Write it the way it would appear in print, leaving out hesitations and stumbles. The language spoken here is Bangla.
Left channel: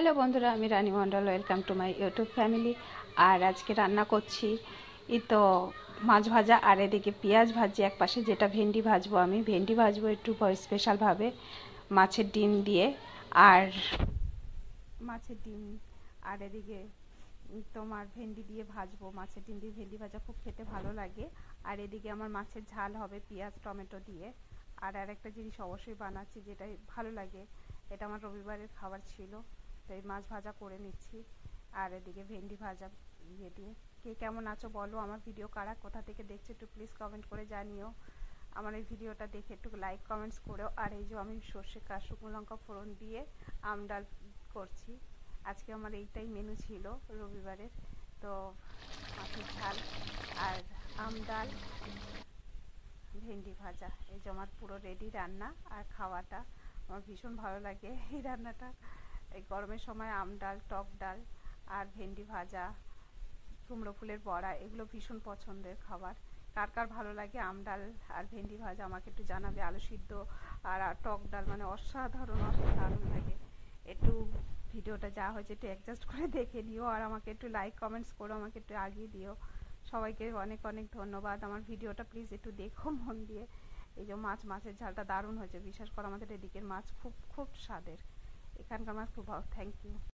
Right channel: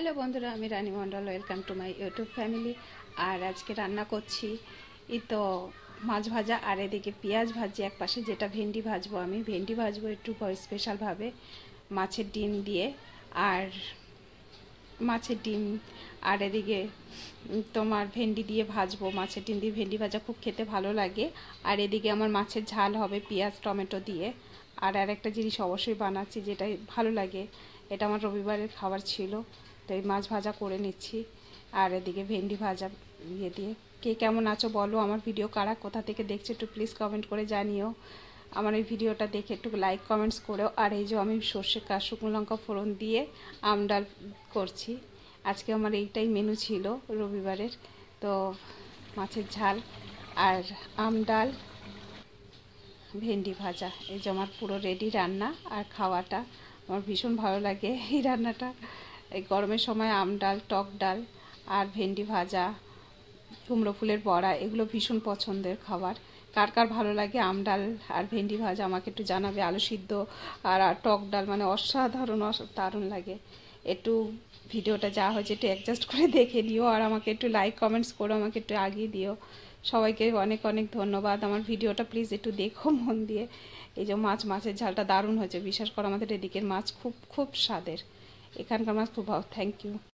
হ্যালো বন্ধুরা, আমি Rani Mondal. Welcome to my YouTube family. আর আজকে রান্না করছি এই তো মাছ ভাজা, আর এদিকে পেঁয়াজ ভাজি এক পাশে, যেটা ভেন্ডি ভাজবো। আমি ভেন্ডি ভাজবো একটু স্পেশালভাবে মাছের ডিম দিয়ে। আর মাছের ডিম আর এদিকে তোমার ভেন্ডি দিয়ে ভাজবো। মাছের ডিম দিয়ে ভেন্ডি ভাজা খুব খেতে ভালো লাগে। আর এদিকে আমার মাছের ঝাল হবে পেঁয়াজ টমেটো দিয়ে। আর আরেকটা জিনিস অবশ্যই বানাচ্ছি, যেটা ভালো লাগে, এটা আমার রবিবারের খাবার ছিল, তো এই মাছ ভাজা করে নিচ্ছি। আর এদিকে ভেন্ডি ভাজা দিয়ে। কে কেমন আছো বলো, আমার ভিডিও কারা কোথা থেকে দেখছো একটু প্লিজ কমেন্ট করে জানিও। আমার এই ভিডিওটা দেখে একটু লাইক কমেন্টস করেও। আর এই যে আমি সর্ষে শুকনো লঙ্কা ফোড়ন দিয়ে আমডাল করছি। আজকে আমার এইটাই মেনু ছিল রবিবারের। তো মাছের ঝাল আর আমডাল ভেন্ডি ভাজা, এই যে আমার পুরো রেডি রান্না। আর খাওয়াটা আমার ভীষণ ভালো লাগে এই রান্নাটা। এই গরমের সময় আমডাল, টক ডাল আর ভেন্ডি ভাজা, কুমড়ো ফুলের বড়া, এগুলো ভীষণ পছন্দের খাবার। কার কার ভালো লাগে আমডাল আর ভেন্ডি ভাজা আমাকে একটু জানাবে। আলু সিদ্ধ আর টক ডাল মানে অসাধারণ দারুণ লাগে। একটু ভিডিওটা যা হয়েছে একটু অ্যাডজাস্ট করে দেখে নিও, আর আমাকে একটু লাইক কমেন্টস করো, আমাকে একটু আগিয়ে দিও। সবাইকে অনেক অনেক ধন্যবাদ। আমার ভিডিওটা প্লিজ একটু দেখো মন দিয়ে। এই যে মাছের ঝালটা দারুণ হয়েছে, বিশ্বাস করো আমাদের এদিকের মাছ খুব খুব স্বাদের, এখানকার মাছ খুব ভালো। Thank you.